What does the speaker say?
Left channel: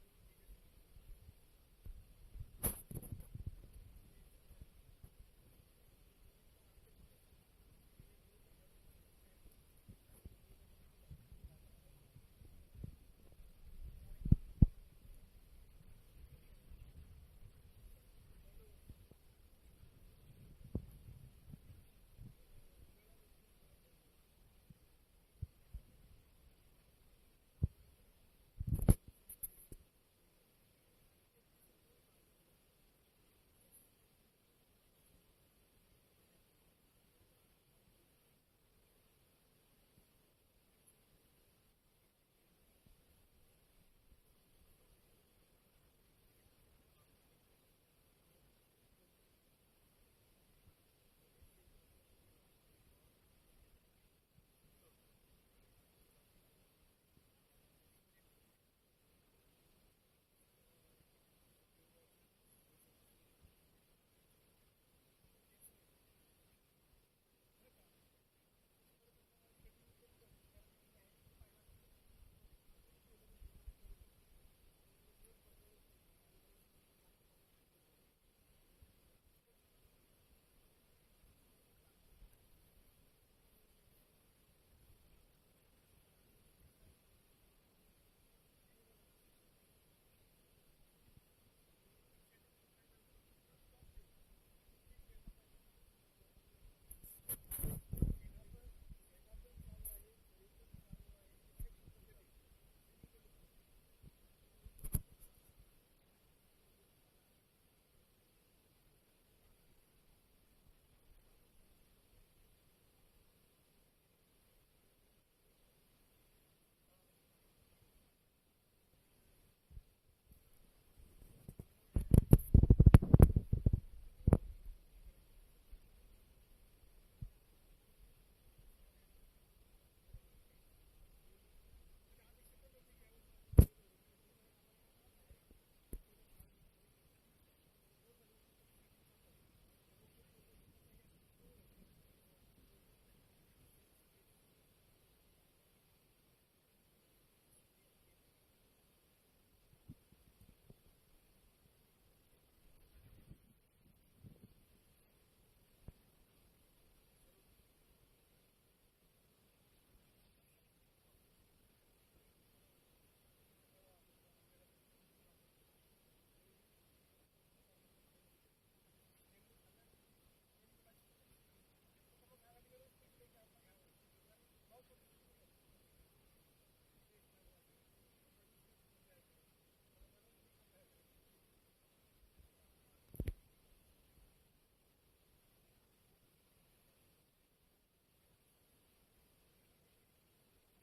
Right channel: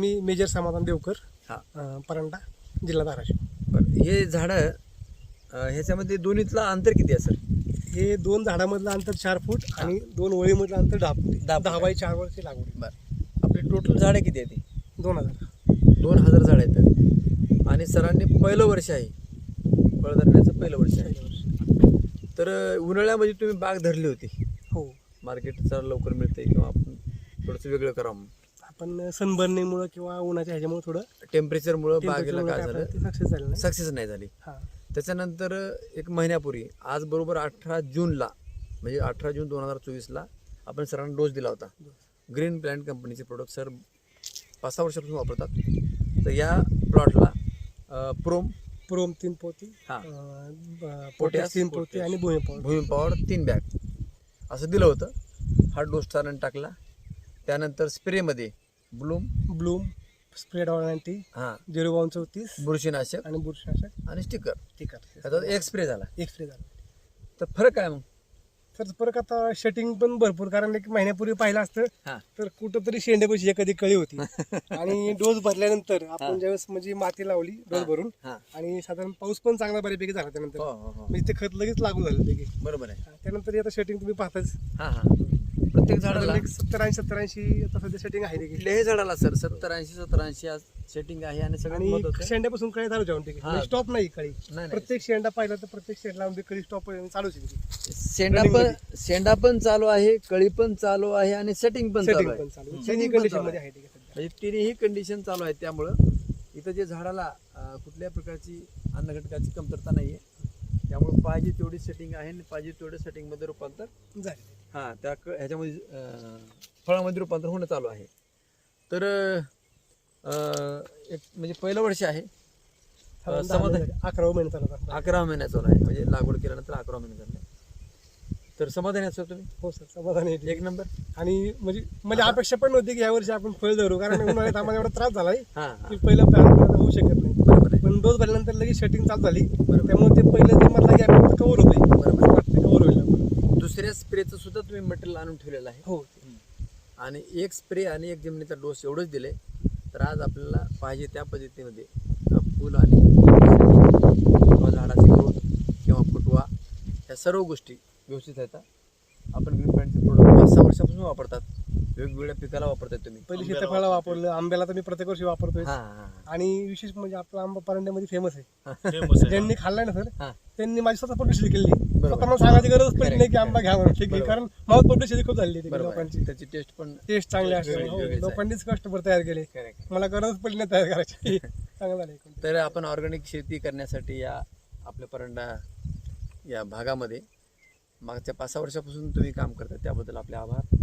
मी major समाधान देवकर हा. परंडा जिल्हा धाराशिव हे झाडं ह्याच्यामध्ये दोन्हीतलं अंतर किती आहे सर हे दोन झाडामधलं अंतर चार फूट आणि दोन ओळीमधलं अंतर दहा फूट दहा दहा बाय चार लागवड बरं आपली टोटल झाडं किती आहेत ती? दोन हजार दोन हजार झाडं आहेत आणि सरांनी पहिलं वर्ष आहे फळ पहिलं वर्ष आहे तर उन्हाळ्यामध्ये तुम्ही बाग धरली होती हो मार्केट लवकर मिळते किंवा आपण थोडंसं वेगळं करावं पण सनबर्निंगमुळे किंवा उन्हाच्या ह्याच्यामुळे थोडं टेम्परेचरमुळं बागेला काय झालं सक्सेस झालं नाही सक्सेस नाही झाली त्याच्यानंतर एक महिन्यापूर्वी आज बरोबर अठरा जूनला म्हणजे अठरा जून दोन हजार चोवीसला आपण सरांना डोस दिला होता ग्रीन प्लॅन्ट कंपनीचे प्रोडक्ट सर पाच सहा वर्षापासून वापरतात तर या प्लॉटला प्रोम प्रोम तीन पोती हा पोट्या तीन पोती आणि भूमी पावडर भूमी तीन बॅग असं दिलं होतं हा डोस सरांनी टाकला त्यानंतर स्प्रेमध्ये ब्लूम ब्लूम स्प्रेड वॉरंटी हा झिरो वन चौतीस बुरशीनाशक आणि बुरशीनाशक आणि स्टिकर ठीक आहे आता एक स्प्रे झाला एक स्प्रे झाला तर फरक काय मग तर फरक आता शटिंग पण भरपूर कारण एक महिन्यापूर्वी पाहिलं असतं तर कुठंतरी शेंड्यापाशी एखादी कळी होती आणि डोस भरल्यानंतर आपण ज्यावेळेस म्हणजे माती लावली डोस भरून आणि साधारण पाऊस पण चांगला बऱ्यापैकी झाला त्यानंतर हो, हो, हो. म्हणजे ते खत लगेच लागू झालं बरोबर आहे त्यानंतर आता शटिंग तुम्ही पाहताच प्रत्येक झाडाला सत्तर ऐंशी सत्तर ऐंशी आता सध्या सेटिंग आहे कुठल्याही झाडाला सर सत्तर ऐंशी सत्तर ऐंशी सेटिंग आहे आणि सगळं शेंड्यापासून कळी चालू जाऊन ठीक स्टॉप म्हणजे नाही कळी नाही. प्रत्येक शेंडा पाहिला तर प्रत्येक शेंडला आमची कळी स्टॉप चालूच शेंडा पण शेंडा पण चालू आहे कळी पण चालू आहे आणि सेटिंग पण सेटिंग चालू पण आहे चालू कंडिशन मध्ये आहे म्हणजे तिन्ही कंडिशन चालू आहे त्यामुळं इथं जे झाडाला कुठल्याही कुठल्या प्रकारची अन्न घटकाची कमतरता नाहीये त्यामुळे पाहिजे तेवढी सेटिंग आहे आणि पाहिजे तेवढ्या मध्ये रूपांतर झाले हां त्या ह्याच्यामध्ये फळामध्ये रूपांतर होणं चालू आहे तर एक म्हणजे पहिलं वर्ष आहे समाधान महिने- महिने चालत आहे म्हणजे लागवड केल्यानंतर अकरा महिने तर समाधान असं तुम्ही हो सर समाधान आहे एक नंबर आणि म्हणजे म्हणजे अपेक्षा पण नव्हती की यावर्षी आपण फळ धरू कारण उन्हाळ्यात आम्हाला एवढा त्रास झालाय की पहिलं plan होऊ शकत नाही पण डोस भरल्यानंतर लगेच शटिंग चालू झाली त्यामुळे ते पहिलं जे म्हटलं की आपण कवर होतोय बरोबर दुसऱ्या स्प्रेचं सुद्धा तुम्ही मटेरियल आणून ठेवलेलं आहे हो आणि एक स्प्रे आणि एक जमिनीचा डोस एवढंच दिले तर आज आपल्याला पाहिजे त्या पद्धतीमध्ये फुल आणि किंवा झाडाचे डोस किंवा फुटवा ह्या सर्व गोष्टी व्यवस्थित आहेत आपण ग्रीन पॅन्टचे प्रोडक्ट पाच सहा वर्षापासून वापरतात वेगवेगळ्या पिकाला वापरताय तुम्ही पहिले आंब्याला वापरलं आंब्याला तर मी प्रत्येक वर्षी वापरतोय आणि विशेष म्हणजे आपला आंबा परंड्यामध्ये फेमस आहे ज्यांनी खाल्लाय ना सर त्यांनी माझी स्वतः पटोशी केली स्वतः मला सांगायची गरज पडली नाही की आंबा घ्या म्हणून कारण माऊथ खूप झाली लोकांची त्याची टेस्ट पण टेस्ट चांगली असते लोकांनीच कष्टभर तयार केले मला गरज पडली नाही तयार करायची चांगला तर आपण ऑर्गॅनिक शेती करण्यासाठी या आपल्या परंडा या भागामध्ये मागच्या पाच सहा वर्षापासून तुम्ही काम करता त्याबद्दल आपले आभार